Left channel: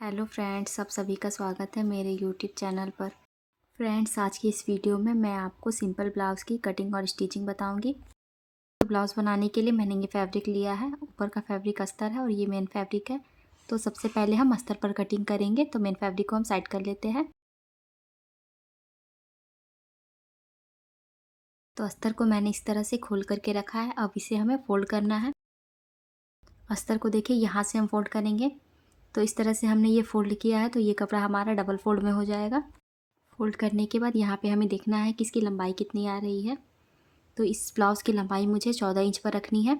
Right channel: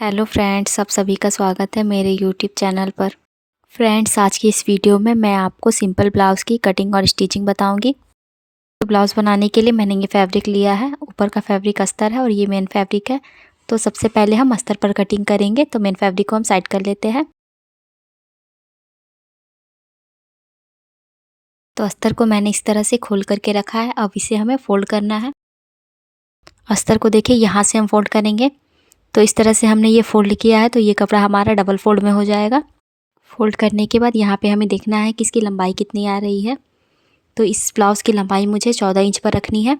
Hello friends, आप सभी का स्वागत है मेरे यूट्यूब चैनल पर। फ्रेंड्स, आज की इस वीडियो में मैं आपको सिंपल ब्लाउज़ की कटिंग और स्टिचिंग बताऊंगी। तो ब्लाउज़ बनाने के लिए मैंने ये फैब्रिक लिया है। ऊपर का फैब्रिक अस्तर है और ये मेन फैब्रिक है। तो सबसे पहले हम अस्तर पर कटिंग करेंगे। तो मेन फैब्रिक को हम साइड कर लेते हैं। तो अस्तर को मैंने इस तरह से खोल करके रखा है। अब इसे हमें फोल्ड करना है। अस्तर को देखिए, यहाँ से हम फोल्ड करेंगे। तो इस तरह से हमने ये फोल्ड किया है, तो ये कपड़ा हमारा डबल फोल्ड में हो जाएगा। फोल्ड करने के बाद यहाँ पे हमें देखना है कि इसकी लंबाई कितनी आ रही है। तो इस ब्लाउज़ की लंबाई मुझे 14 इंच पर रखनी है।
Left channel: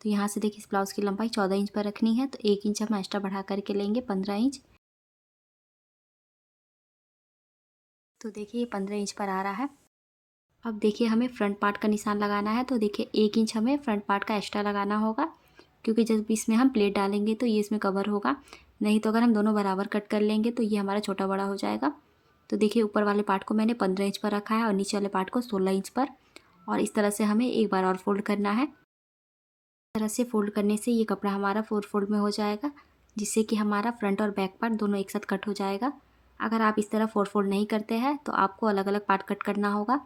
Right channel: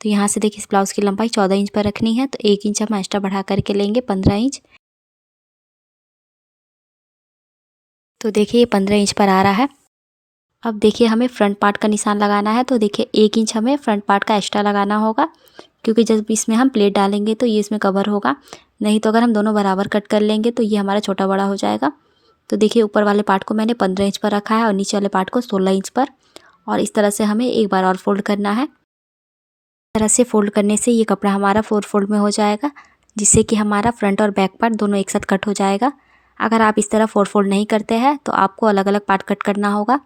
तो यहाँ से देखिए, इस ब्लाउज़ की लंबाई 14 इंच पर रखनी है। तो 1 इंच हम एक्स्ट्रा बढ़ा करके लेंगे 15 इंच। तो देखिए, ये 15 इंच पर आ रहा है। अब देखिए, हमें फ्रंट पार्ट का निशान लगाना है। तो देखिए, 1 इंच हमें फ्रंट पार्ट का एक्स्ट्रा लगाना होगा, क्योंकि जब इसमें हम प्लेट डालेंगे तो ये इसमें कवर होगा। नहीं तो अगर हम दोनों बराबर कट कर लेंगे तो ये हमारा छोटा बड़ा हो जाएगा। तो देखिए, ऊपर वाले पार्ट को मैंने 15 इंच पर रखा है और नीचे वाले पार्ट को 16 इंच पर। और इस तरह से हमें एक बार और फोल्ड करना है। तरह से फोल्ड करने से ये कपड़ा हमारा 4 फोल्ड में हो जाएगा, जिससे कि हमारा फ्रंट और बैक पार्ट दोनों एक साथ कट हो जाएगा। अगर आप इस तरह 4 फोल्ड नहीं करते हैं तो आपको अलग अलग पार्ट कट करना होगा।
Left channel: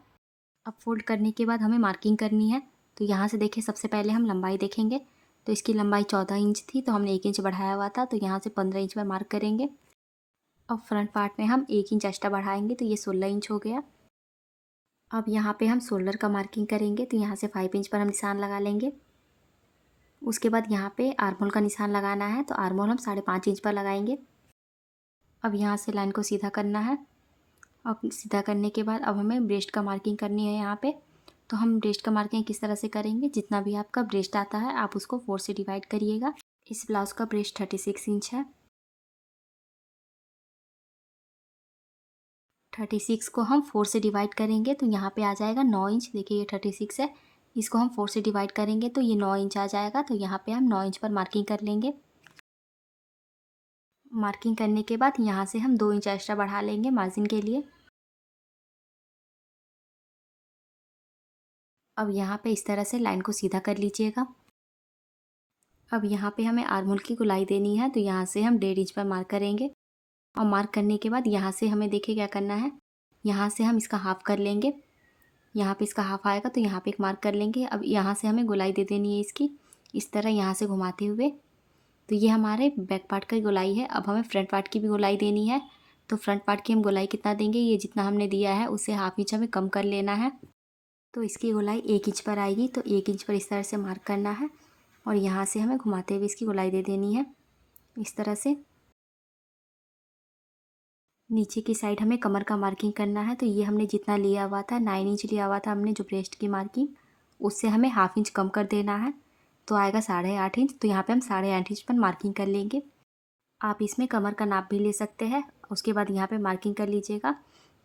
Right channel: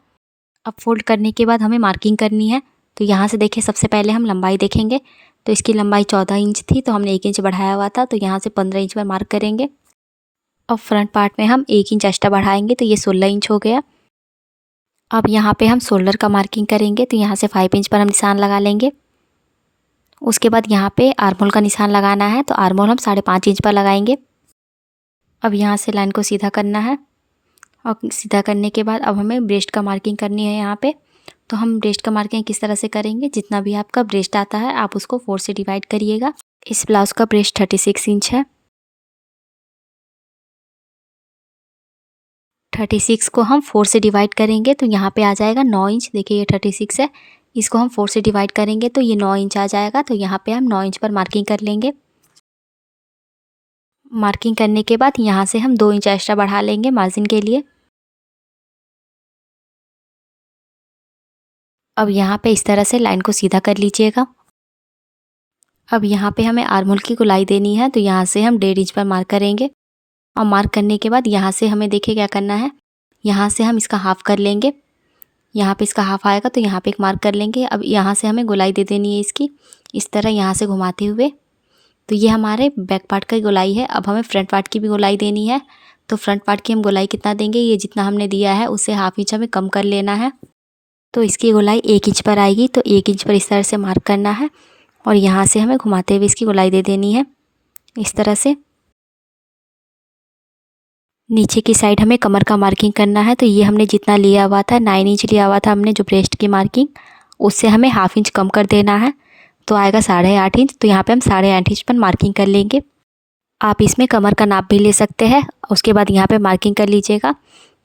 अब फोल्ड करने के बाद हमें मार्किंग करनी है। तो यहाँ से देखिए, सबसे पहले हम लंबाई देखेंगे। तो इसकी लंबाई 14 इंच थी, तो हमने 1 इंच बढ़ाया हुआ था। तो यहाँ से 15 इंच पर मार्क करेंगे। अब फ्रंट पार्ट में हम 1 इंच एक्स्ट्रा बढ़ाएंगे, तो ये 16 इंच हो गया। अब यहाँ पे हम शोल्डर का मार्किंग करेंगे। तो यहाँ से 5 इंच पर हम निशान लगा लेंगे। उसके बाद यहाँ पे आर्महोल का निशान लगाना है। तो आर्महोल हम 5.5 इंच पर लगाएंगे। अब यहाँ से लाइन को सीधा करना है। और सीधा करने के बाद अब हमें ब्रेस्ट का मार्किंग करनी है यहाँ पे। तो हम ब्रेस्ट का मार्किंग किस तरह से करेंगे, जितना भी आपका ब्रेस्ट आता है आप उसको 4 से डिवाइड करिएगा। इस ब्लाउज़ का ब्रेस्ट 36 इंच है। 36 को हम 4 से डिवाइड करेंगे तो यहाँ पे आ जाएगा 9 इंच। देखिए, ये 36 है, इसको हम 4 से डिवाइड करेंगे तो ये 9 इंच आ जाएगा। तो यहाँ पे हम 9 इंच पर मार्किंग कर लेंगे। मार्किंग करने के बाद यहाँ से हम 2 इंच एक्स्ट्रा बढ़ा लेंगे मार्जिन के लिए। अब यहाँ पे इस तरह से लाइन को सीधा कर लीजिएगा। अब यहाँ पे हमें आर्महोल की गोलाई देनी है। तो यहाँ से हम 1.5 इंच पर मार्क करेंगे। और मार्क करने के बाद यहाँ से हमें देखिए क्या करना है, यहाँ से हम इसका हाफ़ कर लेंगे। यहाँ पे इसका हाफ़ आएगा तो यहाँ पे एक मार्क कर लेंगे। अब यहाँ से हमें गोलाई दे देनी है इसकी, इस तरह यहाँ से घुमाते हुए। तो ये हमारे बैक पार्ट की गोलाई है। अब हमें फ्रंट पार्ट की भी गोलाई देनी है। तो फ्रंट पार्ट की हम गोलाई कितना देंगे, ये जितना हमने दिया है उससे हाफ़ इंच हमें कम कर लेना है। तो इसकी गोलाई 1 इंच पर आएगी। तो 1 इंच पर इस तरह से मार्क करना है और यहाँ से हमें घुमाते हुए इसकी गोलाई दे देनी है इस तरह से। नीचे की साइड हमें कमर का मार्किंग करना है। तो ये हमने जितना लिया हुआ था, 9 इंच लिया हुआ था हमने जो ब्रेस्ट की मार्किंग, उससे हमें हाफ़ इंच कम कर देना है। तो आएगा 8.5 इंच। तो यहाँ पे हम 8.5 इंच पर मार्किंग कर लेंगे। आप इसमें कमर का नाप भी ले सकते हैं। उसके बाद यहाँ पे मार्किंग कर लीजिएगा।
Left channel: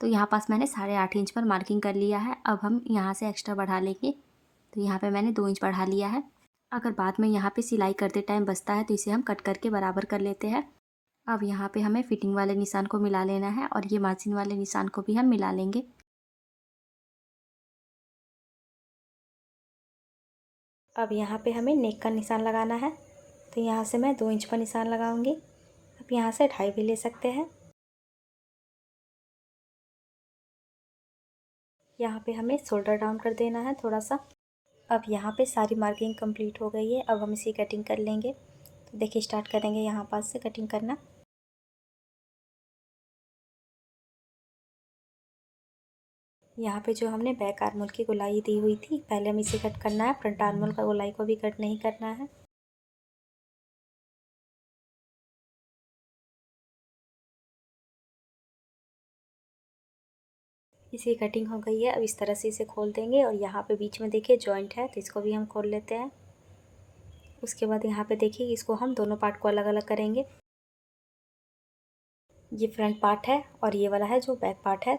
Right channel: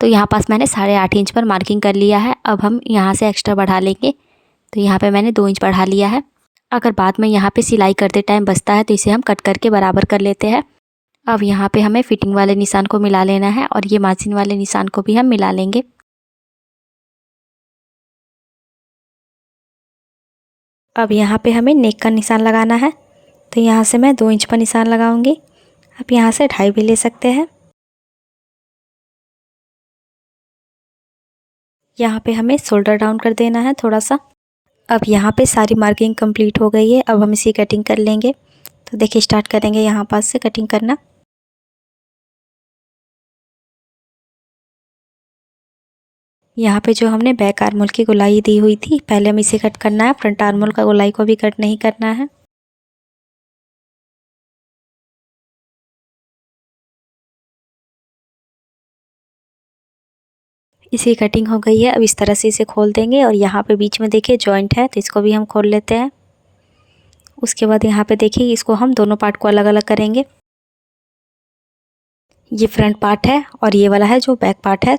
तो यहाँ पास मैंने 8.5 इंच पर मार्किंग कर लिया है। अब हम यहाँ से एक्स्ट्रा बढ़ा लेंगे। तो यहाँ पे मैंने 2 इंच बढ़ा लिया है। अगर बाद में यहाँ पे सिलाई करते टाइम बचता है तो इसे हम कट करके बराबर कर लेते हैं। अब यहाँ पे हमें फिटिंग वाले निशान को मिला लेना है और ये मार्जिन वाले निशान को भी हम मिला लेंगे। अब यहाँ पे हमें नेक का निशान लगाना है। तो यहाँ से मैं 2 इंच पर निशान लगाऊंगी। आप यहाँ से 2.5 भी ले सकते हैं। यहाँ पे हमें शोल्डर डाउन कर देना है थोड़ा सा। अब यहाँ पे सारी मार्किंग कंप्लीट हो गई है। अब हम इसी कटिंग कर लेंगे। तो देखिए, स्टार्ट करेंगे यहाँ पास से कटिंग करना। यहाँ पे जो हमने बैक आर्महोल की गोलाई दी हुई थी, पहले हम इसे कट करना है। फ्रंट आर्महोल का गोलाई को भी कट नहीं करना है। इसी कटिंग हो गई है। अब इस तरह से इसे खोल देंगे और यहाँ पे बीच में देखिए जॉइंट है, तो इसको भी हम खोल लेते हैं। उसके बाद यहाँ पे देखिए, इसको हम दोनों पार्ट को अलग अलग करेंगे। ये फ्रंट पार्ट है और ये वाला है जो बैक पार्ट है।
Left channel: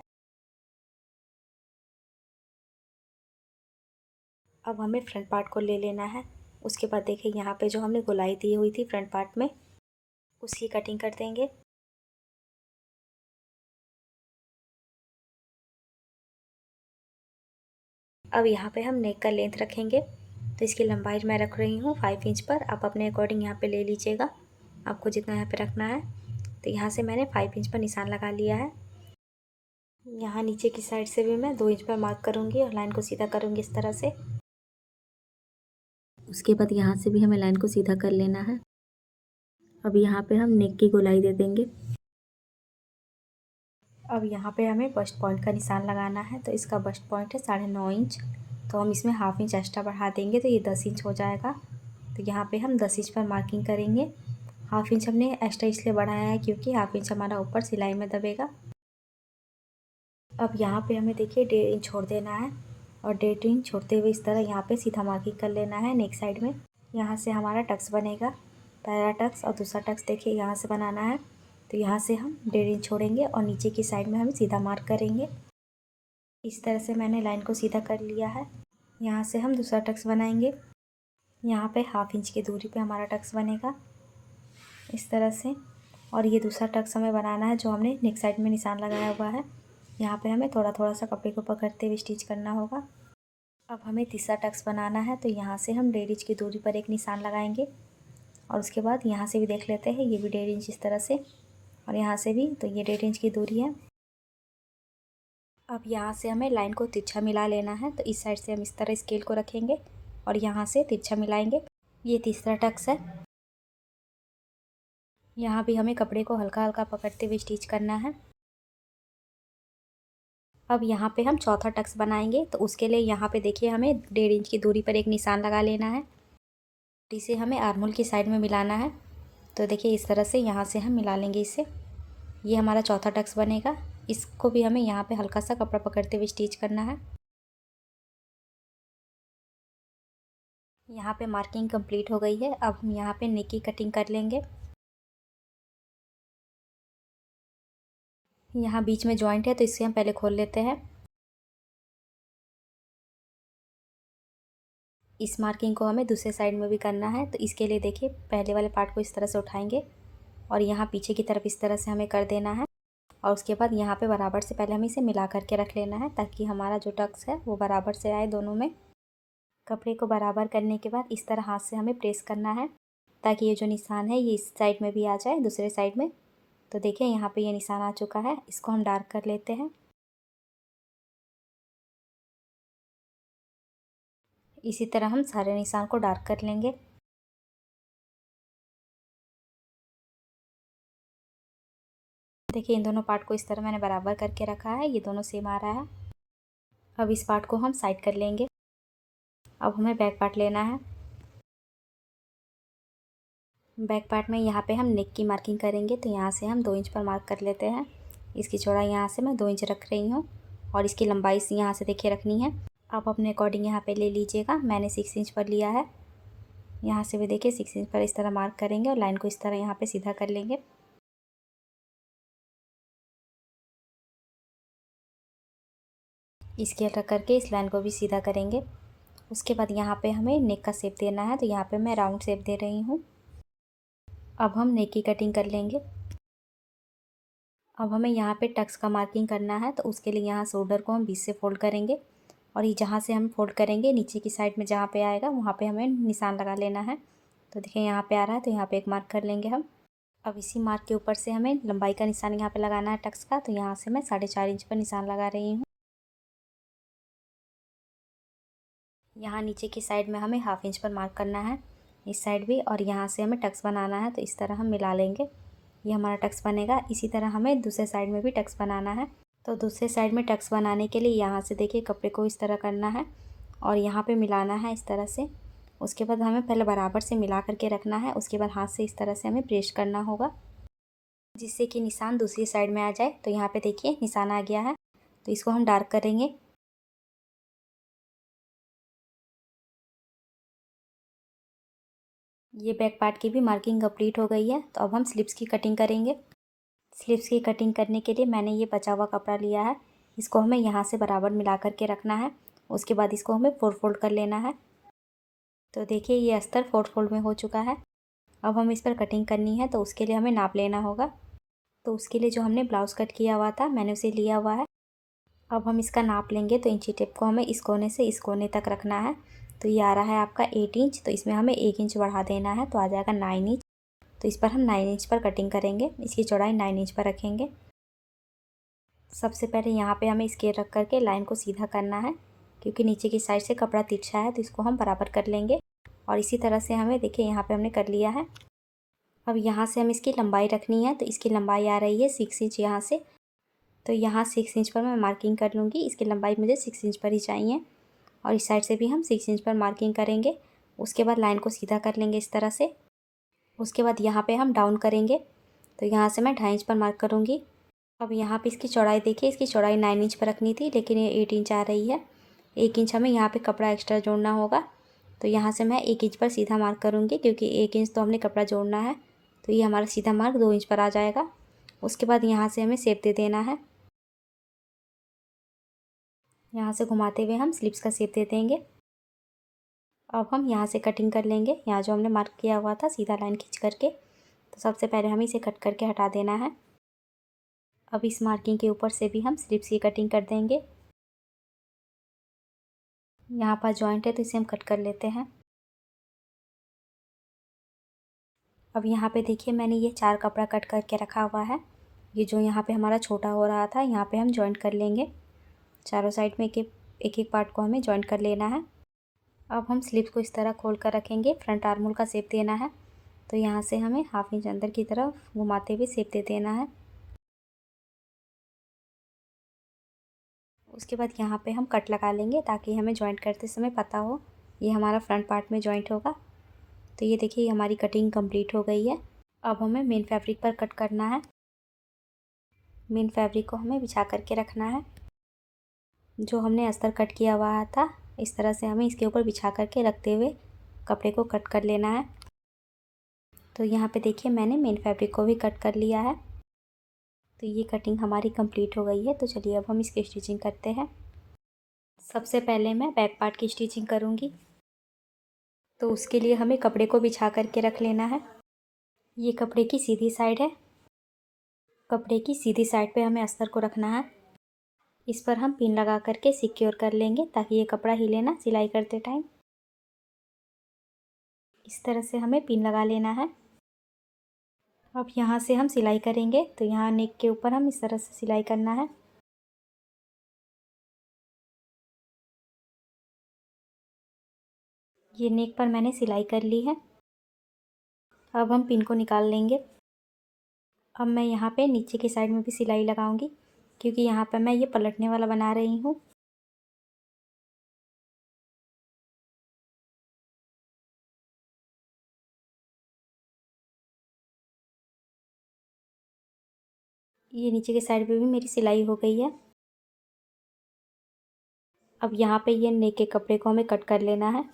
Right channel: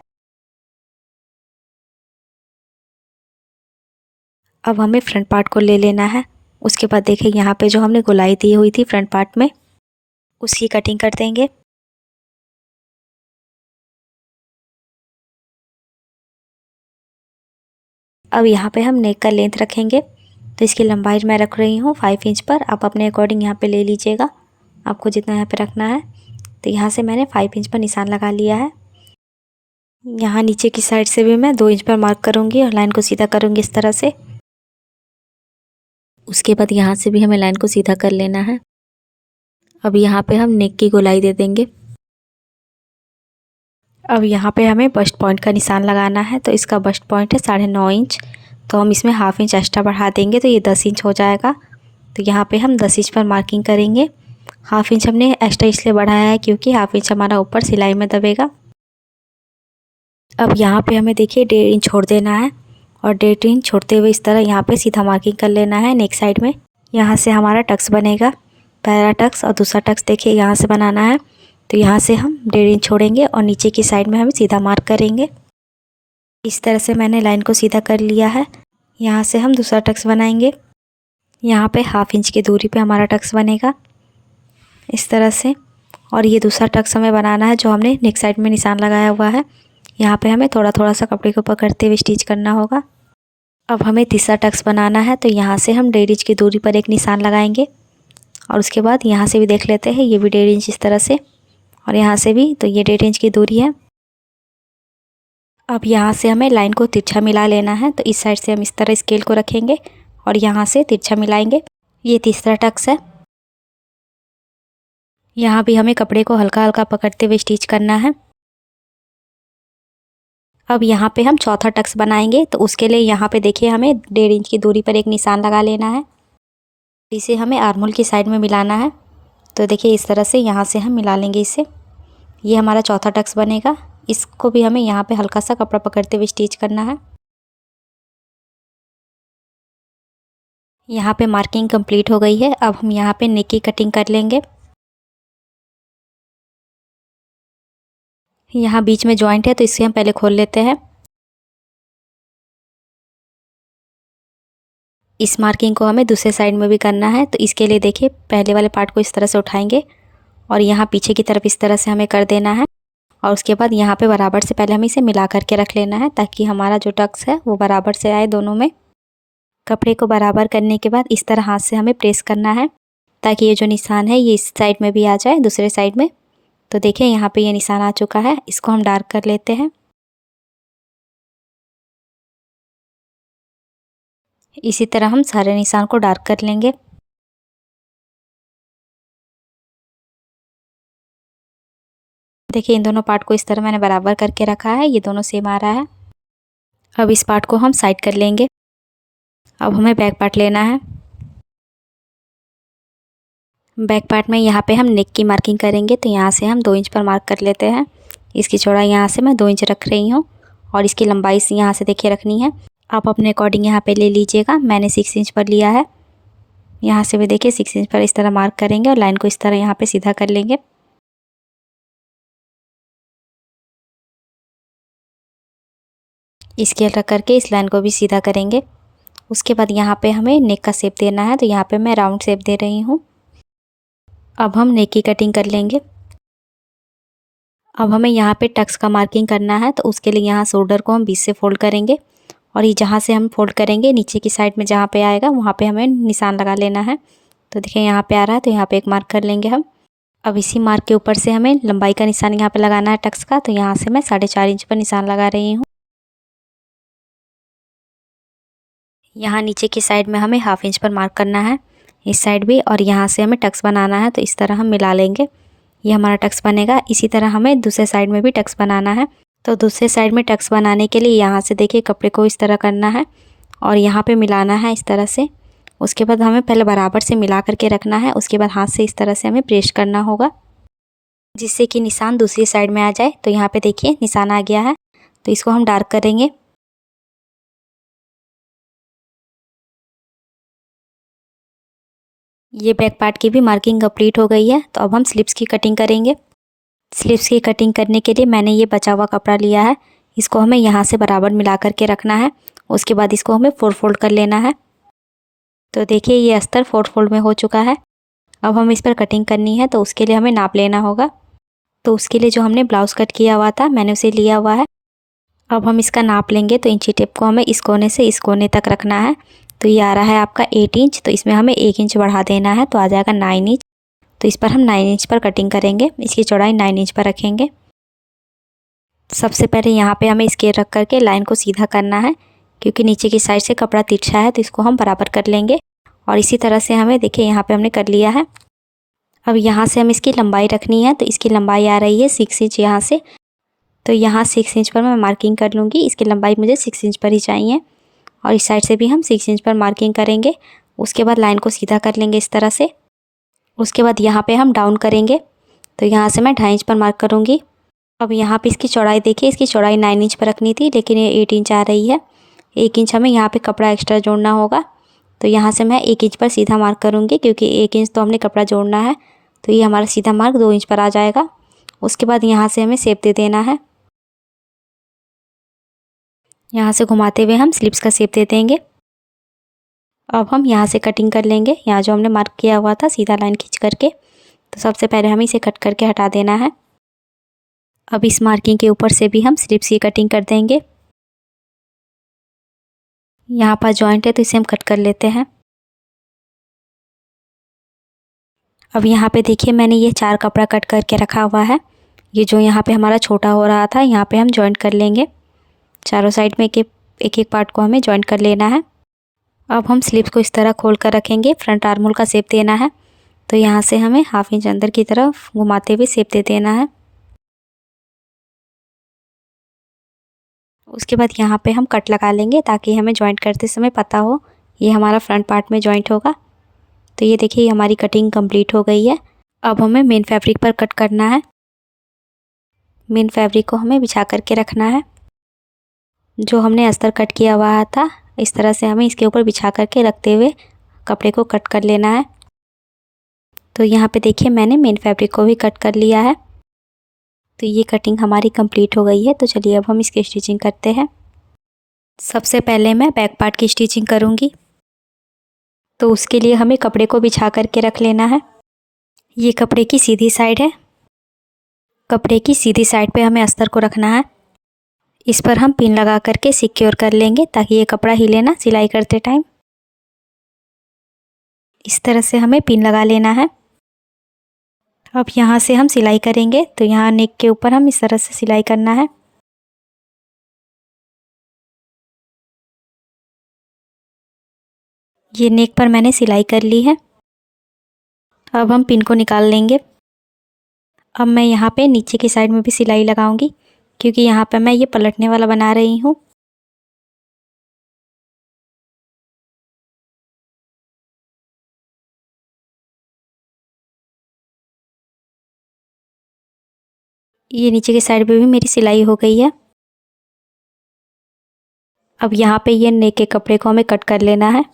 अब हमें फ्रंट पार्ट को ले लेना है। उसके बाद देखिए, यहाँ पे जो हमने गोलाई दी हुई थी फ्रंट पार्ट में, उसकी कटिंग कर देंगे। अब यहाँ पे हम नेक का लेंथ रखेंगे। तो इसकी लंबाई मैं रख रही हूँ 5 इंच पर। आप अपने अकॉर्डिंग यहाँ पे ले लीजिएगा, आपको जितना यहाँ पे रखना है। तो यहाँ से मैंने 5 इंच पर निशान लगा लिया है। यहाँ नीचे की साइड से भी मैं 2 इंच पर मार्क करूँगी और लाइन को सीधा करूँगी इस तरह से। उसके बाद यहाँ से भी हमें लाइन को सीधा कर लेना है। अब यहाँ पे हम नेक की गोलाई दे देंगे। अब यहाँ पे हमें बस्ट पॉइंट का निशान लगाना है, तो इसका बस्ट पॉइंट है 9.5 इंच, तो हम इसमें हाफ इंच एक्स्ट्रा बढ़ा देंगे तो ये 10 इंच हो जाएगा। तो यहाँ पे हम 10 इंच पर मार्किंग करेंगे। हाफ इंच हमने एक्स्ट्रा इसलिए बढ़ाया है क्योंकि हाफ इंच हमारा ऊपर सिलाई में दबेगा। अब यहाँ पे हमें देखिए 1.5 इंच छोड़ देना है और 1.5 इंच छोड़ते हुए इस तरह यहाँ पे सीधा मार्किंग कर लेना है नेक साइड में। यहाँ से हमारा टक्स बनेगा, पहला टक्स और दूसरा टक्स देखिए यहाँ से बनाना है। तो यहाँ से हम 1.5 इंच छोड़ेंगे और नीचे की साइड में हम सीधा मार्क करेंगे। इस तरह से मैंने लाइन को सीधा कर लिया है। यहाँ से हम दूसरा टक्स बनाएंगे। यहाँ पे हाफ इंच की दूरी पे हमारा टक्स बनेगा इस तरह से, और ये दूसरा टक्स हमें बनाना है जो हमने नेक साइड में निशान लगाया हुआ है। यहाँ पे हमें थोड़ा थोड़ा सा कपड़े को पकड़ते हुए स्टिच करना होगा। अब हमें तीसरा टक्स बनाना है, तो यहाँ से हम 1.5 इंच की दूरी पर एक निशान लगाएंगे और उसके बाद यहाँ से भी देख लेते हैं, ये भी 1.5 इंच इस तरह से, और यहाँ से भी, तो ये 1.5 इंच की दूरी है। अब यहाँ से हमें लाइन को तिरछा मिला लेना है, तो इस साइड से हम इस तरह स्केल को रखेंगे और यहाँ से तिरछा मिलाएंगे। ये तीसरा टक्स है। यहाँ भी हमें कपड़े को हल्का हल्का पकड़ते हुए स्टिच करना है। अब यहाँ पे हम चौथा टक्स बनाएंगे, तो उसके लिए यहाँ पे देखिए हमें 1.5 इंच की दूरी पर एक निशान लगा लेना है। इसे हमें आर्महोल की साइड में मिलाना है, तो देखिए इस तरह से यहाँ से हम मिला लेंगे इसे। ये हमारा चौथा टक्स बनेगा। इसको भी हमें यहाँ पे हल्का सा कपड़ा पकड़ते हुए स्टिच करना है। यहाँ पे मार्किंग कंप्लीट हो गई है। अब हम यहाँ पे नेक की कटिंग कर लेंगे। यहाँ बीच में जॉइंट है तो इसे हम पहले खोल लेते हैं। इस मार्किंग को हमें दूसरे साइड में भी करना है, तो इसके लिए देखिए पहले वाले पार्ट को इस तरह से उठाएंगे और यहाँ पीछे की तरफ इस तरह से हमें कर देना है, और उसके बाद यहाँ पे बराबर से पहले हमें इसे मिला करके रख लेना है ताकि हमारा जो टक्स है वो बराबर से आए दोनों में। कपड़े को बराबर करने के बाद इस तरह हाथ से हमें प्रेस करना है ताकि ये जो निशान है ये इस साइड में भी आ जाए, दूसरे साइड में। तो देखिए यहाँ पे ये निशान आ चुका है। इसको हम डार्क कर लेते हैं। इसी तरह हम सारे निशान को डार्क कर लेंगे। देखिए इन दोनों पार्ट को इस तरह मैंने बराबर करके रखा है, ये दोनों सेम आ रहा है। अब इस पार्ट को हम साइड कर लेंगे। अब हमें बैक पार्ट लेना है। बैक पार्ट में यहाँ पे हम नेक की मार्किंग करेंगे, तो यहाँ से हम 2 इंच पर मार्क कर लेते हैं। इसकी चौड़ाई यहाँ से मैं 2 इंच रख रही हूँ और इसकी लंबाई से यहाँ से देखिए रखनी है। आप अपने अकॉर्डिंग यहाँ पे ले लीजिएगा। मैंने 6 इंच पर लिया है। यहाँ से भी देखिए 6 इंच पर इस तरह मार्क करेंगे और लाइन को इस तरह यहाँ पे सीधा कर लेंगे। स्केल रख करके इस लाइन को भी सीधा करेंगे। उसके बाद यहाँ पे हमें नेक का शेप देना है, तो यहाँ पे मैं राउंड शेप दे रही हूँ। अब हम नेक की कटिंग कर लेंगे। अब हमें यहाँ पे टक्स का मार्किंग करना है, तो उसके लिए यहाँ शोल्डर को हम बीच से फोल्ड करेंगे और ये जहाँ से हम फोल्ड करेंगे नीचे की साइड में जहाँ पे आएगा वहाँ पे हमें निशान लगा लेना है। तो देखिए यहाँ पे आ रहा है, तो यहाँ पे एक मार्क कर लेंगे हम। अब इसी मार्क के ऊपर से हमें लंबाई का निशान यहाँ पे लगाना है टक्स का, तो यहाँ से मैं 4.5 इंच पर निशान लगा रही हूँ। यहाँ नीचे की साइड में हमें हाफ इंच पर मार्क करना है, इस साइड भी, और यहाँ से हमें टक्स बनाना है, तो इस तरह हम मिला लेंगे। ये हमारा टक्स बनेगा। इसी तरह हमें दूसरे साइड में भी टक्स बनाना है। तो दूसरे साइड में टक्स बनाने के लिए यहाँ से देखिए कपड़े को इस तरह करना है और यहाँ पे मिलाना है इस तरह से। उसके बाद हमें पहले बराबर से मिला करके रखना है, उसके बाद हाथ से इस तरह से हमें प्रेस करना होगा जिससे कि निशान दूसरी साइड में आ जाए। तो यहाँ पे देखिए निशान आ गया है, तो इसको हम डार्क करेंगे। ये बैक पार्ट की भी मार्किंग कंप्लीट हो गई है। तो अब हम स्लीव्स की कटिंग करेंगे। स्लीव्स की कटिंग करने के लिए मैंने ये बचा हुआ कपड़ा लिया है, इसको हमें यहाँ से बराबर मिला करके रखना है। उसके बाद इसको हमें 4 फोल्ड कर लेना है। तो देखिए ये अस्तर 4 फोल्ड में हो चुका है। अब हम इस पर कटिंग करनी है, तो उसके लिए हमें नाप लेना होगा। तो उसके लिए जो हमने ब्लाउज़ कट किया हुआ था मैंने उसे लिया हुआ है। अब हम इसका नाप लेंगे, तो इंची टेप को हमें इस कोने से इस कोने तक रखना है। तो ये आ रहा है आपका 8 इंच, तो इसमें हमें 1 इंच बढ़ा देना है, तो आ जाएगा 9 इंच। तो इस पर हम 9 इंच पर कटिंग करेंगे। इसकी चौड़ाई 9 इंच पर रखेंगे। सबसे पहले यहाँ पे हमें स्केल रख करके लाइन को सीधा करना है, क्योंकि नीचे की साइड से कपड़ा तिरछा है, तो इसको हम बराबर कर लेंगे। और इसी तरह से हमें देखिए यहाँ पे हमने कर लिया है। अब यहाँ से हम इसकी लंबाई रखनी है, तो इसकी लंबाई आ रही है 6 इंच यहाँ से। तो यहाँ 6 इंच पर मैं मार्किंग कर लूँगी। इसकी लंबाई मुझे 6 इंच पर ही चाहिए और इस साइड से भी हम 6 इंच पर मार्किंग करेंगे। उसके बाद लाइन को सीधा कर लेंगे इस तरह से। उसके बाद यहाँ पे हम डाउन करेंगे, तो यहाँ से मैं 2.5 इंच पर मार्क करूँगी। अब यहाँ पे इसकी चौड़ाई देखिए, इसकी चौड़ाई 9 इंच पर रखनी थी, लेकिन ये 8 इंच आ रही है। 1 इंच हमें यहाँ पे कपड़ा एक्स्ट्रा जोड़ना होगा, तो यहाँ से मैं 1 इंच पर सीधा मार्क करूँगी, क्योंकि 1 इंच तो हमने कपड़ा जोड़ना है। तो ये हमारा सीधा मार्क 2 इंच पर आ जाएगा। उसके बाद यहाँ से हमें शेप दे देना है। यहाँ से घुमाते हुए हम स्लिप्स का शेप दे देंगे। अब हम यहाँ से कटिंग कर लेंगे, यहाँ जो हमने मार्क किया हुआ था सीधा लाइन खींच करके। तो सबसे पहले हमें इसे कट करके हटा देना है। अब इस मार्किंग के ऊपर से भी हम स्लिप्स की कटिंग कर देंगे। यहाँ पर जॉइंट है, तो इसे हम कट कर लेते हैं। अब यहाँ पे देखिए मैंने ये 4 कपड़ा कट करके रखा हुआ है। ये जो यहाँ पे हमारा छोटा हो रहा था, यहाँ पे हम जॉइंट कर लेंगे। चारों साइड में एक एक पार्ट को हमें जॉइंट कर लेना है। अब हम स्लीव्स को इस तरह खोल कर रखेंगे। फ्रंट आर्म होल का शेप देना है, तो यहाँ से हमें 1/2 इंच अंदर की तरफ घुमाते हुए शेप दे देना है। उसके बाद यहाँ पे हम कट लगा लेंगे, ताकि हमें जॉइंट करते समय पता हो ये हमारा फ्रंट पार्ट में जॉइंट होगा। तो ये देखिए हमारी कटिंग कंप्लीट हो गई है। अब हमें मेन फैब्रिक पर कट करना है। मेन फैब्रिक को हमें बिछा करके रखना है। जो हमने अस्तर कट किया हुआ था, इस तरह से हमें इसके ऊपर बिछा करके रखते हुए कपड़े को कट कर लेना है। तो यहाँ पे देखिए मैंने मेन फैब्रिक को भी कट कर लिया है। तो ये कटिंग हमारी कंप्लीट हो गई है। तो चलिए अब हम इसकी स्टिचिंग करते हैं। सबसे पहले मैं बैक पार्ट की स्टिचिंग करूँगी। तो उसके लिए हमें कपड़े को बिछा करके रख लेना है। ये कपड़े की सीधी साइड है। कपड़े की सीधी साइड पे हमें अस्तर को रखना है। इस पर हम पिन लगा करके सिक्योर कर लेंगे, ताकि ये कपड़ा हिले ना सिलाई करते टाइम। इस तरह से हमें पिन लगा लेना है। अब यहाँ से हम सिलाई करेंगे, तो यहाँ नेक के ऊपर हम इस तरह से सिलाई करना है। ये नेक पर मैंने सिलाई कर ली है। अब हम पिन को निकाल लेंगे। अब मैं यहाँ पे नीचे की साइड में भी सिलाई लगाऊंगी, क्योंकि यहाँ पे मैं ये पलटने वाला बना रही हूँ। ये नीचे की साइड पे भी मेरी सिलाई हो गई है। अब यहाँ पे ये नेक के कपड़े को हमें कट कर लेना है।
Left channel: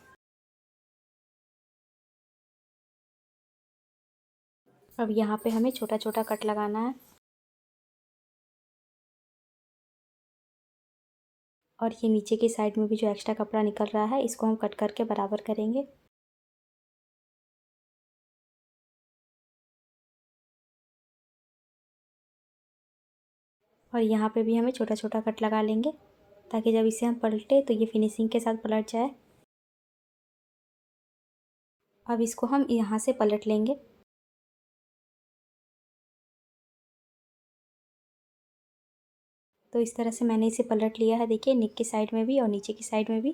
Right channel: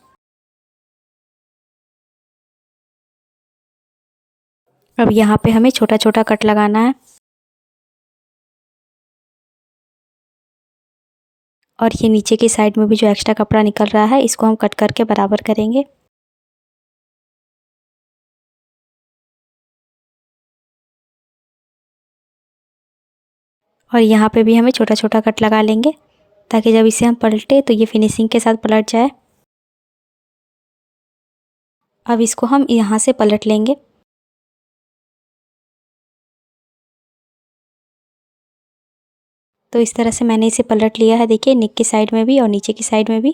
अब यहाँ पे हमें छोटा छोटा कट लगाना है। और ये नीचे की साइड में भी जो एक्स्ट्रा कपड़ा निकल रहा है, इसको हम कट करके बराबर करेंगे। और यहाँ पे भी हमें छोटा छोटा कट लगा लेंगे, ताकि जब इसे हम पलटे तो ये फिनिशिंग के साथ पलट जाए। अब इसको हम यहाँ से पलट लेंगे। तो इस तरह से मैंने इसे पलट लिया है। देखिए नेक की साइड में भी और नीचे की साइड में भी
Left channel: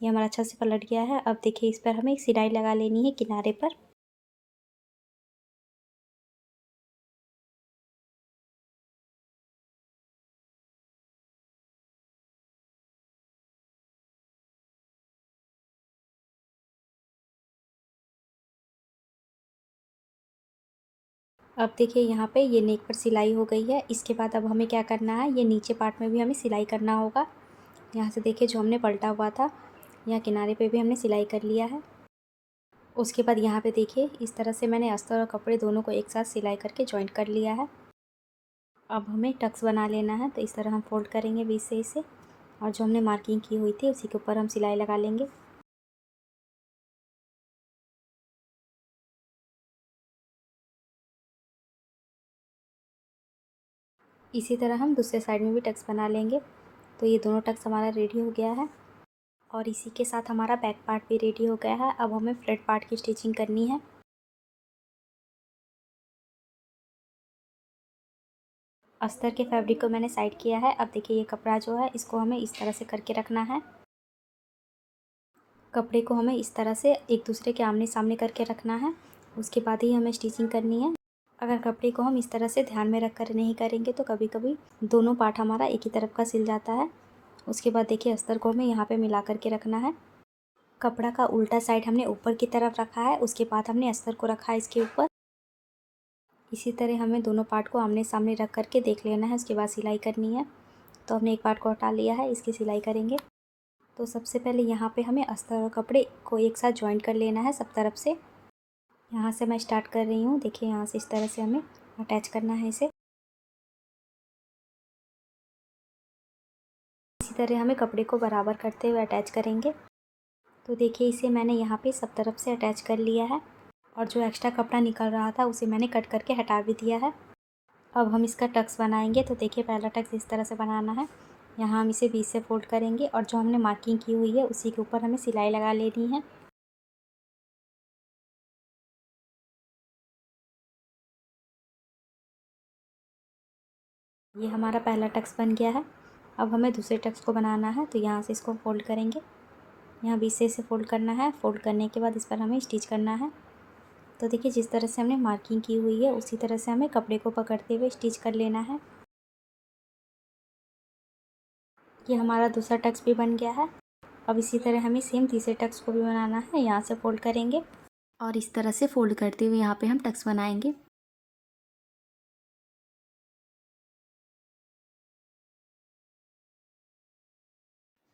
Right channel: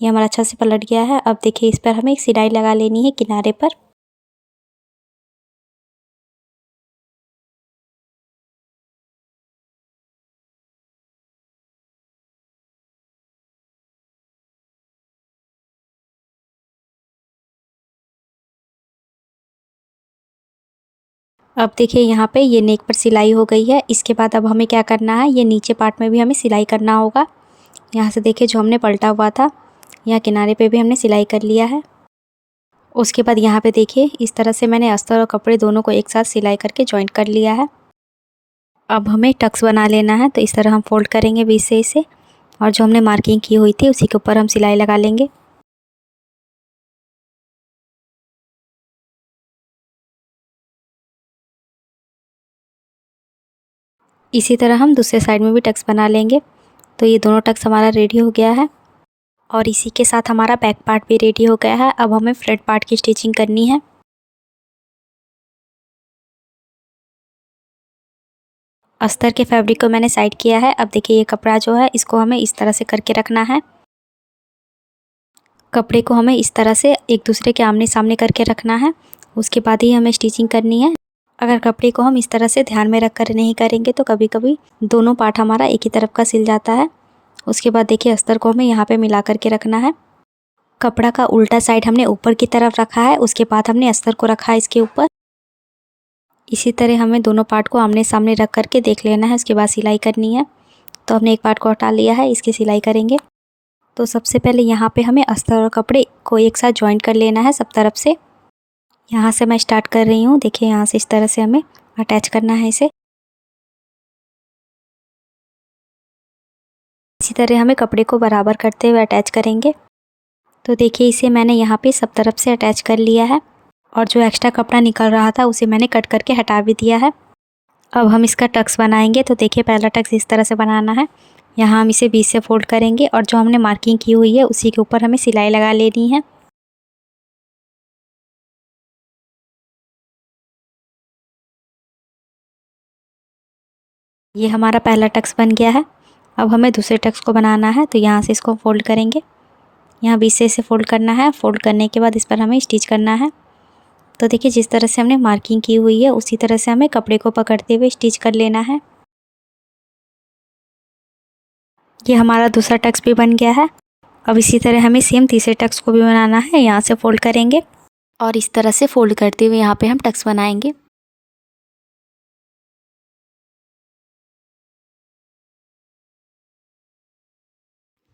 ये हमारा अच्छा से पलट गया है। अब देखिए इस पर हमें एक सिलाई लगा लेनी है किनारे पर। अब देखिए यहाँ पे ये नेक पर सिलाई हो गई है। इसके बाद अब हमें क्या करना है, ये नीचे पार्ट में भी हमें सिलाई करना होगा। यहाँ से देखिए जो हमने पलटा हुआ था, यहाँ किनारे पे भी हमने सिलाई कर लिया है। उसके बाद यहाँ पे देखिए इस तरह से मैंने अस्तर और कपड़े दोनों को एक साथ सिलाई करके जॉइंट कर लिया है। अब हमें टक्स बना लेना है। तो इस तरह हम फोल्ड करेंगे बीच से इसे, और जो हमने मार्किंग की हुई थी उसी के ऊपर हम सिलाई लगा लेंगे। इसी तरह हम दूसरे साइड में भी टक्स बना लेंगे। तो ये दोनों टक्स हमारा रेडी हो गया है। और इसी के साथ हमारा बैक पार्ट भी रेडी हो गया है। अब हमें फ्रंट पार्ट की स्टिचिंग करनी है। अस्तर के फैब्रिक को मैंने साइड किया है। अब देखिए ये कपड़ा जो है इसको हमें इस तरह से करके रखना है। कपड़े को हमें इस तरह से एक दूसरे के आमने सामने करके रखना है, उसके बाद ही हमें स्टिचिंग करनी है। अगर कपड़े को हम इस तरह से ध्यान में रख कर नहीं करेंगे तो कभी कभी दोनों पार्ट हमारा एक ही तरफ का सिल जाता है। उसके बाद देखिए अस्तर को हमें यहाँ पे मिला करके रखना है। कपड़ा का उल्टा साइड हमने ऊपर की तरफ रखा है, उसके बाद हमने अस्तर को रखा है इसके ऊपर। इसी तरह हमें दोनों पार्ट को आमने सामने रख करके देख लेना है, उसके बाद सिलाई करनी है। तो हमने एक पार्ट को हटा लिया है, इसकी सिलाई करेंगे। तो सबसे पहले यहाँ पे हमें अस्तर और कपड़े को एक साथ जॉइंट कर लेना है सब तरफ से। यहाँ से मैं स्टार्ट कर रही हूँ। देखिए यहाँ से इस तरह से हमें अटैच करना है इसे। इसी तरह हमें कपड़े को बराबर करते हुए अटैच करेंगे। तो देखिए इसे मैंने यहाँ पे सब तरफ से अटैच कर लिया है और जो एक्स्ट्रा कपड़ा निकल रहा था उसे मैंने कट करके हटा भी दिया है। अब हम इसका टक्स बनाएंगे। तो देखिए पहला टक्स इस तरह से बनाना है। यहाँ हम इसे बीच से फोल्ड करेंगे और जो हमने मार्किंग की हुई है उसी के ऊपर हमें सिलाई लगा लेनी है। ये हमारा पहला टक्स बन गया है। अब हमें दूसरे टक्स को बनाना है। तो यहाँ से इसको फोल्ड करेंगे, यहाँ बीच से इसे फोल्ड करना है। फोल्ड करने के बाद इस पर हमें स्टिच करना है। तो देखिए जिस तरह से हमने मार्किंग की हुई है उसी तरह से हमें कपड़े को पकड़ते हुए स्टिच कर लेना है। ये हमारा दूसरा टक्स भी बन गया है। अब इसी तरह हमें सेम तीसरे टक्स को भी बनाना है। यहाँ से फोल्ड करेंगे और इस तरह से फोल्ड करते हुए यहाँ पे हम टक्स बनाएंगे।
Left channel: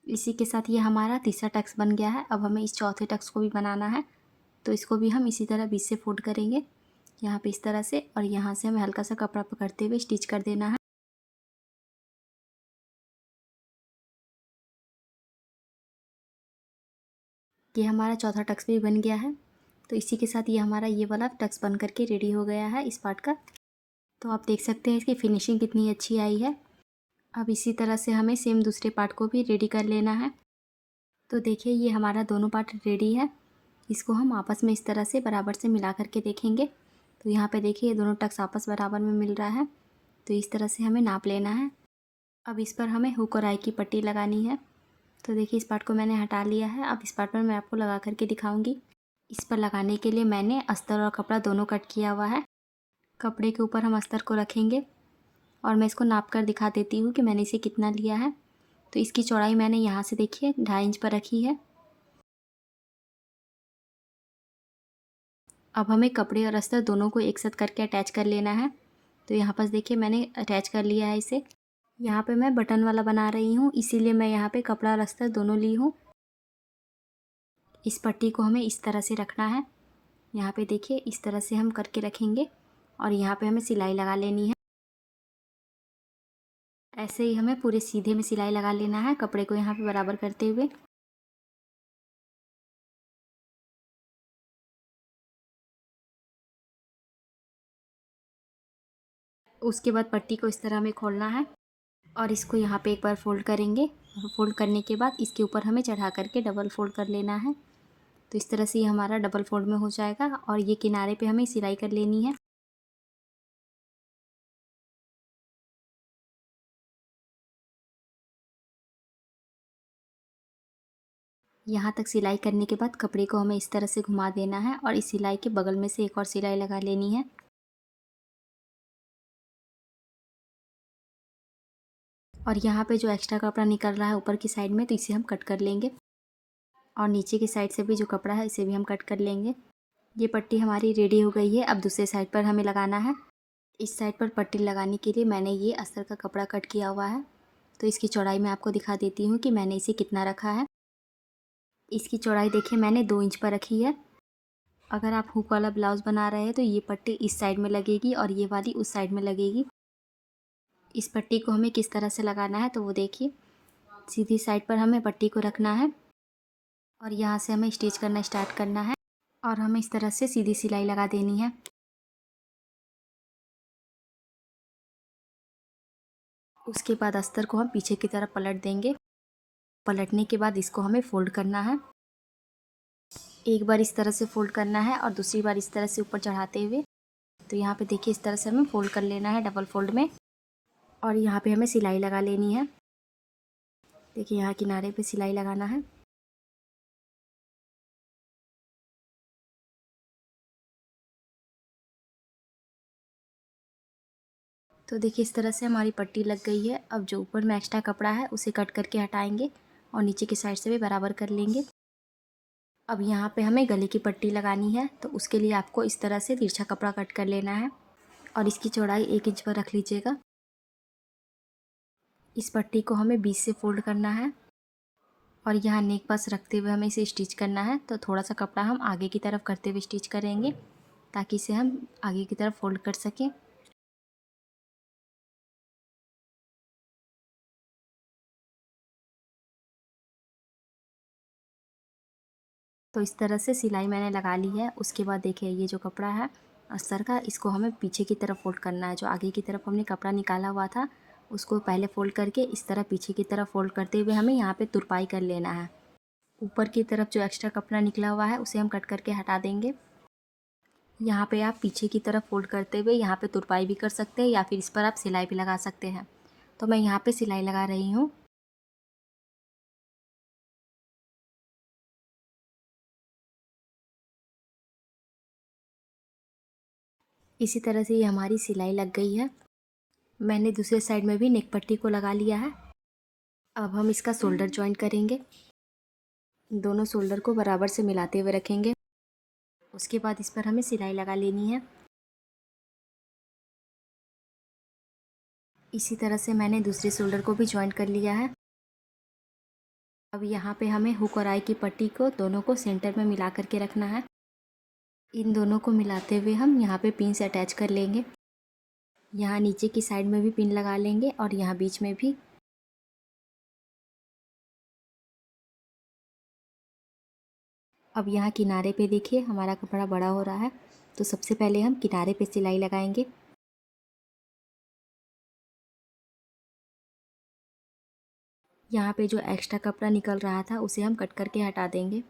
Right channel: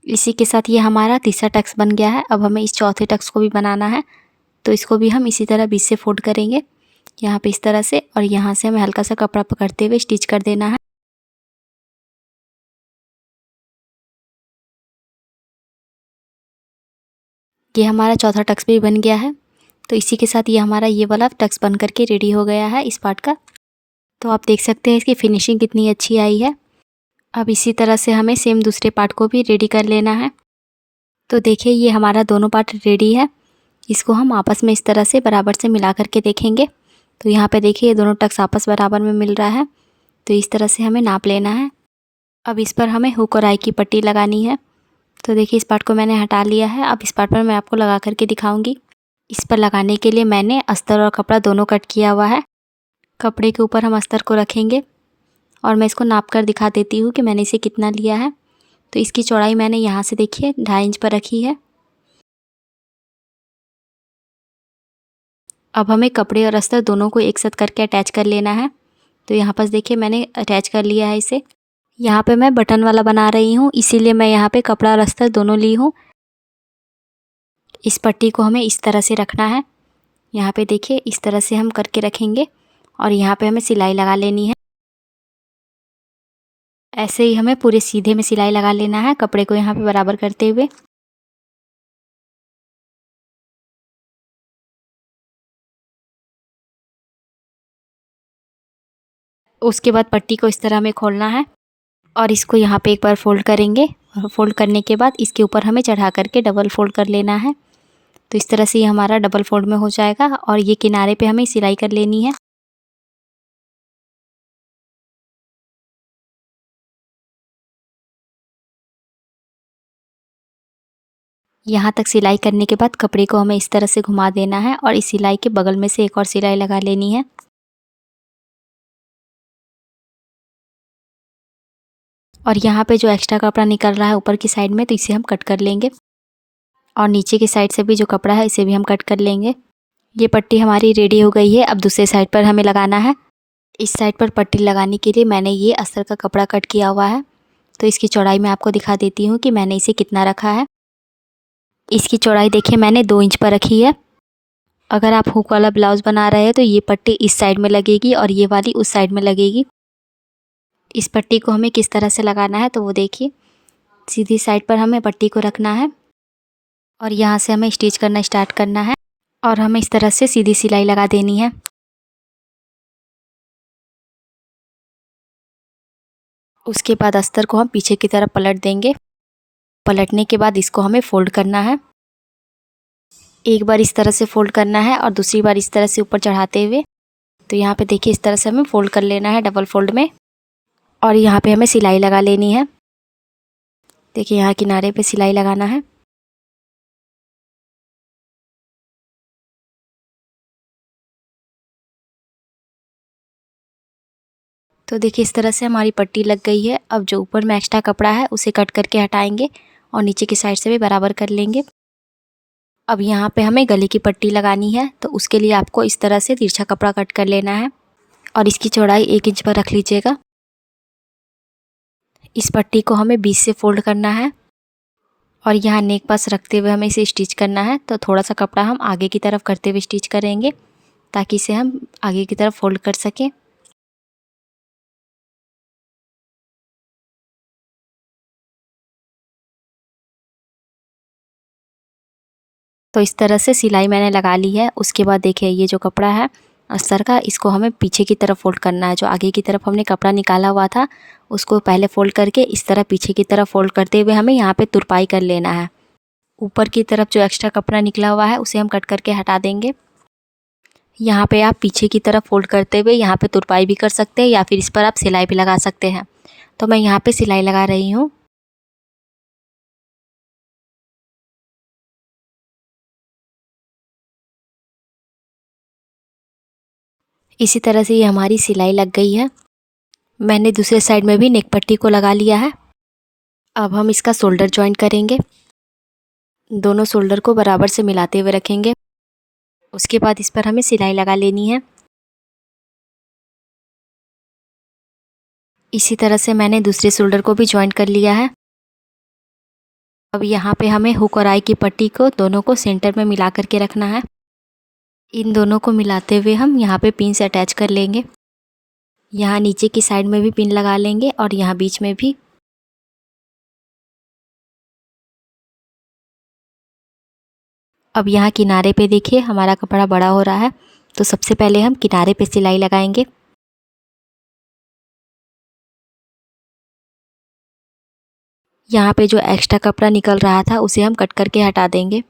इसी के साथ ये हमारा तीसरा टक्स बन गया है। अब हमें इस चौथे टक्स को भी बनाना है। तो इसको भी हम इसी तरह बीच से फोल्ड करेंगे यहाँ पे इस तरह से, और यहाँ से हमें हल्का सा कपड़ा पकड़ते हुए स्टिच कर देना है। ये हमारा चौथा टक्स भी बन गया है। तो इसी के साथ ये हमारा ये वाला टक्स बन करके रेडी हो गया है इस पार्ट का। तो आप देख सकते हैं इसकी फिनिशिंग कितनी अच्छी आई है। अब इसी तरह से हमें सेम दूसरे पार्ट को भी रेडी कर लेना है। तो देखिए ये हमारा दोनों पार्ट रेडी है। इसको हम आपस में इस तरह से बराबर से मिला करके देखेंगे। तो यहाँ पे देखिए ये दोनों टक्स आपस बराबर में मिल रहा है। तो इस तरह से हमें नाप लेना है। अब इस पर हमें हुक और आई की पट्टी लगानी है। तो देखिए इस पार्ट को मैंने हटा लिया है। अब इस पार्ट पर मैं आपको लगा करके दिखाऊंगी। इस पर लगाने के लिए मैंने अस्तर और कपड़ा दोनों कट किया हुआ है। कपड़े के ऊपर हम अस्तर को रखेंगे और मैं इसको नाप कर दिखा देती हूँ कि मैंने इसे कितना लिया है। तो इसकी चौड़ाई मैंने यहाँ से देखिए 2.5 इंच पर रखी है। अब हमें कपड़े और अस्तर दोनों को एक साथ करके अटैच कर लेना है। तो यहाँ पर देखिए मैंने अटैच कर लिया है इसे। यहाँ पे मैं बटन वाला बना रही हूँ, इसीलिए मैं यहाँ पे कपड़ा और अस्तर दोनों ली हूँ। इस पट्टी को हमें इस तरह से रखना है। यहाँ पे देखिए इस तरह से हम करके रखेंगे और यहाँ पे हमें सिलाई लगा लेनी है। ऐसे ही हमें पूरे सीधे में सिलाई लगा लेना है, कपड़े को यहाँ पे बराबर करते हुए। उसके बाद पट्टी को इस तरह हमें खोलना है और इसको यहाँ पे एक बार फोल्ड करेंगे और फोल्ड करने के बाद इसके ऊपर हमें चढ़ा करके डबल फोल्ड कर लेना है। तो इस तरह से ये हमारा डबल फोल्ड में हो जाएगा और ये किनारे पे हमें सिलाई कर लेनी है। यहाँ तक सिलाई करने के बाद कपड़े को हमें इस तरह से घुमा देना है और इस सिलाई के बगल में से एक और सिलाई लगा लेनी है। और यहाँ पे जो एक्स्ट्रा कपड़ा निकल रहा है ऊपर की साइड में, तो इसे हम कट कर लेंगे और नीचे की साइड से भी जो कपड़ा है इसे भी हम कट कर लेंगे। ये पट्टी हमारी रेडी हो गई है। अब दूसरे साइड पर हमें लगाना है। इस साइड पर पट्टी लगाने के लिए मैंने ये अस्तर का कपड़ा कट किया हुआ है। तो इसकी चौड़ाई मैं आपको दिखा देती हूँ कि मैंने इसे कितना रखा है। इसकी चौड़ाई देखिए मैंने 2 इंच पर रखी है। अगर आप हुक वाला ब्लाउज़ बना रहे हैं तो ये पट्टी इस साइड में लगेगी और ये वाली उस साइड में लगेगी। इस पट्टी को हमें किस तरह से लगाना है तो वो देखिए, सीधी साइड पर हमें पट्टी को रखना है और यहाँ से हमें स्टिच करना स्टार्ट करना है और हमें इस तरह से सीधी सिलाई लगा देनी है। उसके बाद अस्तर को हम पीछे की तरफ पलट देंगे। पलटने के बाद इसको हमें फोल्ड करना है। एक बार इस तरह से फोल्ड करना है और दूसरी बार इस तरह से ऊपर चढ़ाते हुए। तो यहाँ पे देखिए इस तरह से हमें फोल्ड कर लेना है डबल फोल्ड में। और यहाँ पे हमें सिलाई लगा लेनी है। देखिए यहाँ किनारे पे सिलाई लगाना है। तो देखिए इस तरह से हमारी पट्टी लग गई है। अब जो ऊपर में एक्स्ट्रा कपड़ा है उसे कट करके हटाएंगे और नीचे की साइड से भी बराबर कर लेंगे। अब यहाँ पे हमें गले की पट्टी लगानी है, तो उसके लिए आपको इस तरह से तिरछा कपड़ा कट कर लेना है और इसकी चौड़ाई 1 इंच पर रख लीजिएगा। इस पट्टी को हमें बीच से फोल्ड करना है और यहाँ नेक पास रखते हुए हमें इसे स्टिच करना है। तो थोड़ा सा कपड़ा हम आगे की तरफ करते हुए स्टिच करेंगे ताकि इसे हम आगे की तरफ फोल्ड कर सकें। तो इस तरह से सिलाई मैंने लगा ली है। उसके बाद देखिए ये जो कपड़ा है अस्तर का, इसको हमें पीछे की तरफ फोल्ड करना है। जो आगे की तरफ हमने कपड़ा निकाला हुआ था उसको पहले फोल्ड करके इस तरह पीछे की तरफ फोल्ड करते हुए हमें यहाँ पे तुरपाई कर लेना है। ऊपर की तरफ जो एक्स्ट्रा कपड़ा निकला हुआ है उसे हम कट करके हटा देंगे। यहाँ पे आप पीछे की तरफ फोल्ड करते हुए यहाँ पे तुरपाई भी कर सकते हैं या फिर इस पर आप सिलाई भी लगा सकते हैं। तो मैं यहाँ पे सिलाई लगा रही हूँ। इसी तरह से ये हमारी सिलाई लग गई है। मैंने दूसरे साइड में भी नेक पट्टी को लगा लिया है। अब हम इसका शोल्डर जॉइंट करेंगे। दोनों शोल्डर को बराबर से मिलाते हुए रखेंगे। उसके बाद इस पर हमें सिलाई लगा लेनी है। इसी तरह से मैंने दूसरे शोल्डर को भी जॉइंट कर लिया है। अब यहाँ पे हमें हुक और आई की पट्टी को दोनों को सेंटर में मिला करके रखना है। इन दोनों को मिलाते हुए हम यहाँ पे पिन से अटैच कर लेंगे। यहाँ नीचे की साइड में भी पिन लगा लेंगे और यहाँ बीच में भी। अब यहाँ किनारे पे देखिए हमारा कपड़ा बड़ा हो रहा है, तो सबसे पहले हम किनारे पे सिलाई लगाएंगे। यहाँ पे जो एक्स्ट्रा कपड़ा निकल रहा था उसे हम कट करके हटा देंगे।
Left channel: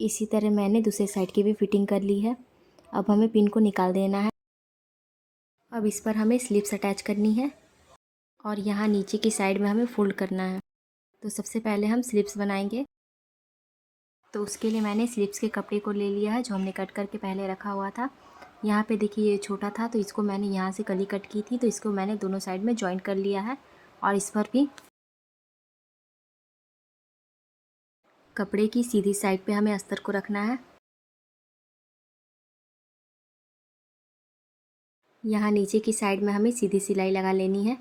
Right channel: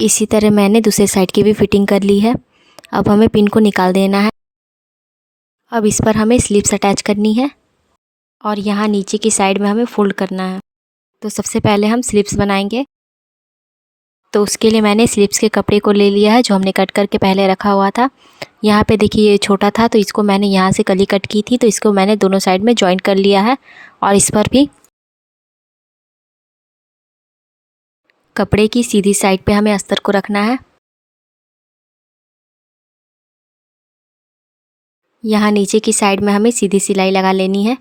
इसी तरह मैंने दूसरे साइड की भी फिटिंग कर ली है। अब हमें पिन को निकाल देना है। अब इस पर हमें स्लिप्स अटैच करनी है और यहाँ नीचे की साइड में हमें फोल्ड करना है। तो सबसे पहले हम स्लिप्स बनाएंगे। तो उसके लिए मैंने स्लिप्स के कपड़े को ले लिया है जो हमने कट करके पहले रखा हुआ था। यहाँ पे देखिए ये छोटा था तो इसको मैंने यहाँ से कली कट की थी, तो इसको मैंने दोनों साइड में जॉइंट कर लिया है और इस पर भी कपड़े की सीधी साइड पे हमें अस्तर को रखना है। यहाँ नीचे की साइड में हमें सीधी सिलाई लगा लेनी है।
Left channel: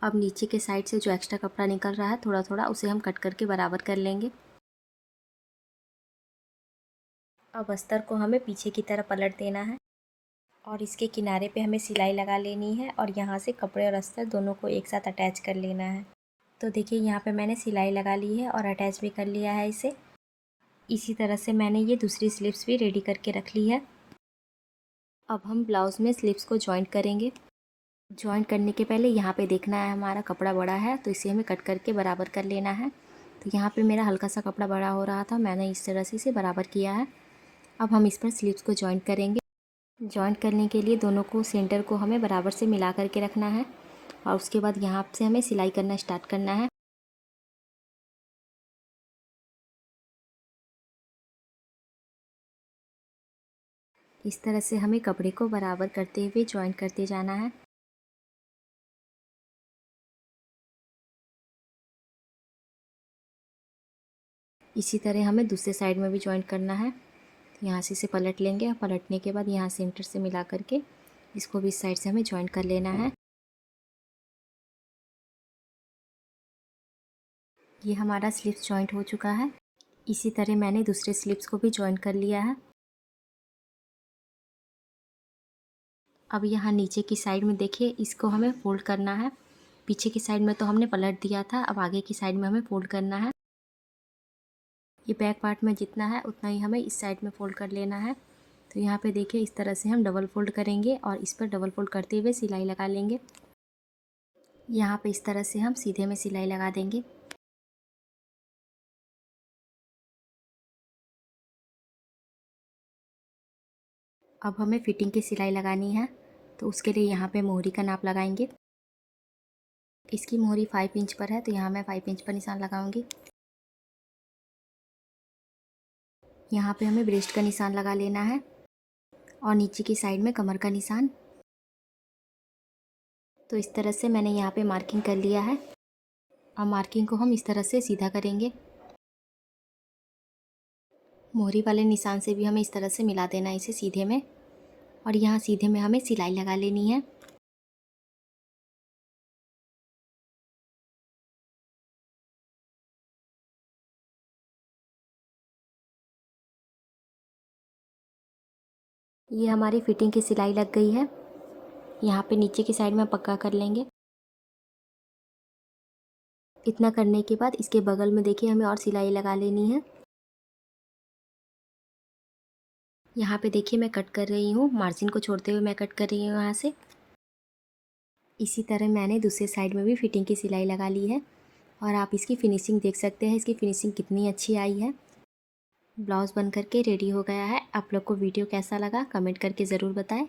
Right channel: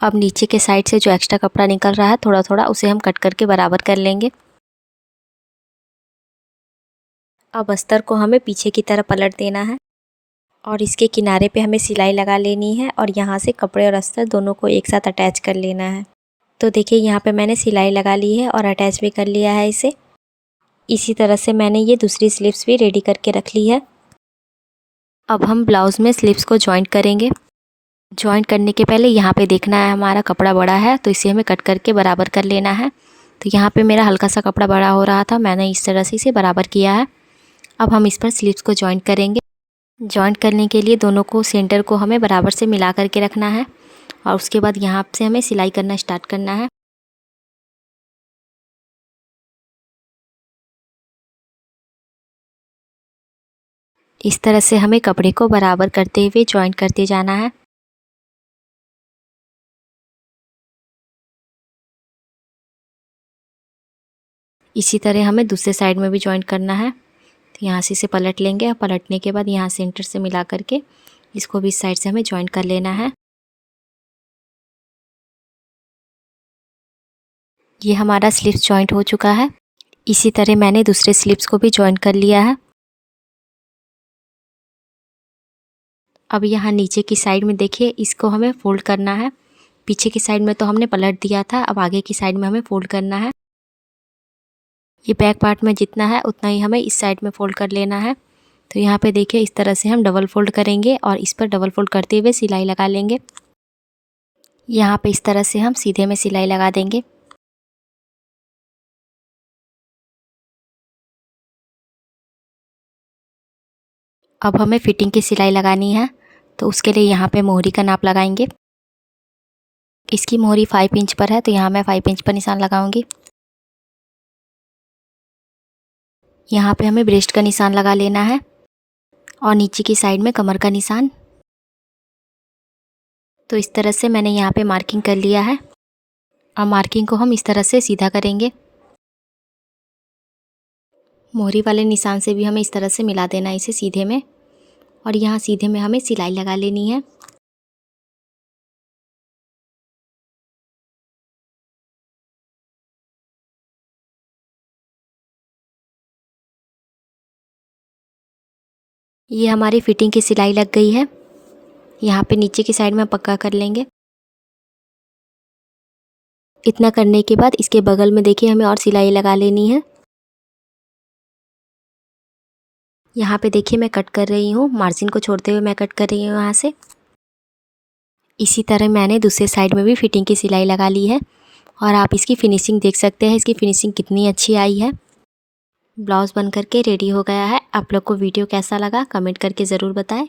अब नीचे के साइड से जो एक्स्ट्रा कपड़ा निकल रहा है थोड़ा थोड़ा उसे हम कट करके बराबर कर लेंगे। अब अस्तर को हमें पीछे की तरफ पलट देना है और इसके किनारे पे हमें सिलाई लगा लेनी है और यहाँ से कपड़े और अस्तर दोनों को एक साथ अटैच कर लेना है। तो देखिए यहाँ पे मैंने सिलाई लगा ली है और अटैच भी कर लिया है इसे। इसी तरह से मैंने ये दूसरी स्लिप्स भी रेडी करके रख ली है। अब हम ब्लाउज़ में स्लिप्स को जॉइंट करेंगे। जॉइंट करने के पहले यहाँ पे देखना है हमारा कपड़ा बड़ा है तो इसे हमें कट करके बराबर कर लेना है। तो यहाँ पे मेरा हल्का सा कपड़ा बड़ा हो रहा था, मैंने इस तरह से इसे बराबर किया है। अब हम इस पर स्लिप्स को जॉइंट करेंगे। जॉइंट करने के लिए दोनों को सेंटर को हमें बराबर से मिला करके रखना है और उसके बाद यहाँ से हमें सिलाई करना स्टार्ट करना है। इस तरह से हमें कपड़े को बराबर करते हुए जॉइंट करते जाना है। इसी तरह हमें दूसरे साइड में भी जॉइंट करना है। तो यहाँ से इसे पलट लेंगे और पलटने के बाद यहाँ सेंटर से मिला करके इसको भी इस साइड से हमें जॉइंट कर लेना है। ये हमारा स्लिप्स जॉइंट हो चुका है। इसी तरह मैंने दूसरे स्लिप्स को भी जॉइंट कर लिया है। अब यहाँ नीचे की साइड में देखिए इसको हमें फोल्ड करना है। पीछे की साइड में तो हमने पलट दिया था, अब आगे की साइड में हमें फोल्ड करना है। ये बैक पार्ट में जितना है उतना ही हमें इस साइड में फोल्ड कर लेना है। तो यहाँ पे देखिए इस तरह से हम डबल फोल्ड करेंगे और इस पर डबल फोल्ड करते हुए सिलाई लगा लेंगे। यहाँ पे इस तरह से हम सीधे में सिलाई लगा देंगे। अब हमें फिटिंग की सिलाई लगानी है, तो उसके लिए यहाँ पे मोहरी का नाप लगाएंगे। इसकी मोहरी 5 इंच पर है, तो यहाँ मैं 5 इंच पर निशान लगाऊंगी। यहाँ पे हमें ब्रेस्ट का निशान लगा लेना है और नीचे की साइड में कमर का निशान। तो इस तरह से मैंने यहाँ पे मार्किंग कर लिया है। अब मार्किंग को हम इस तरह से सीधा करेंगे। मोहरी वाले निशान से भी हमें इस तरह से मिला देना है इसे सीधे में, और यहाँ सीधे में हमें सिलाई लगा लेनी है। ये हमारी फिटिंग की सिलाई लग गई है। यहाँ पे नीचे की साइड में पक्का कर लेंगे। इतना करने के बाद इसके बगल में देखिए हमें और सिलाई लगा लेनी है। यहाँ पे देखिए मैं कट कर रही हूँ, मार्जिन को छोड़ते हुए मैं कट कर रही हूँ यहाँ से। इसी तरह मैंने दूसरे साइड में भी फिटिंग की सिलाई लगा ली है, और आप इसकी फिनिशिंग देख सकते हैं, इसकी फिनिशिंग कितनी अच्छी आई है। ब्लाउज़ बन करके रेडी हो गया है। आप लोग को वीडियो कैसा लगा कमेंट करके ज़रूर बताएं,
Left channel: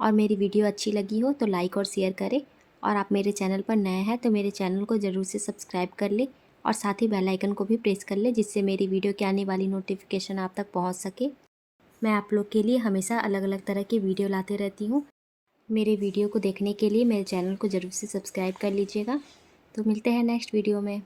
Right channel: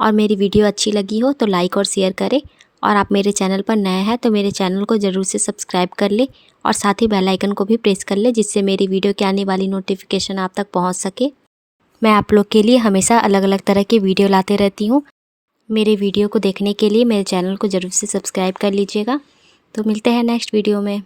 और मेरी वीडियो अच्छी लगी हो तो लाइक और शेयर करें, और आप मेरे चैनल पर नए हैं तो मेरे चैनल को ज़रूर से सब्सक्राइब कर ले, और साथ ही बेल आइकन को भी प्रेस कर ले, जिससे मेरी वीडियो के आने वाली नोटिफिकेशन आप तक पहुँच सके। मैं आप लोग के लिए हमेशा अलग अलग तरह की वीडियो लाते रहती हूँ। मेरे वीडियो को देखने के लिए मेरे चैनल को ज़रूर से सब्सक्राइब कर लीजिएगा। तो मिलते हैं नेक्स्ट वीडियो में।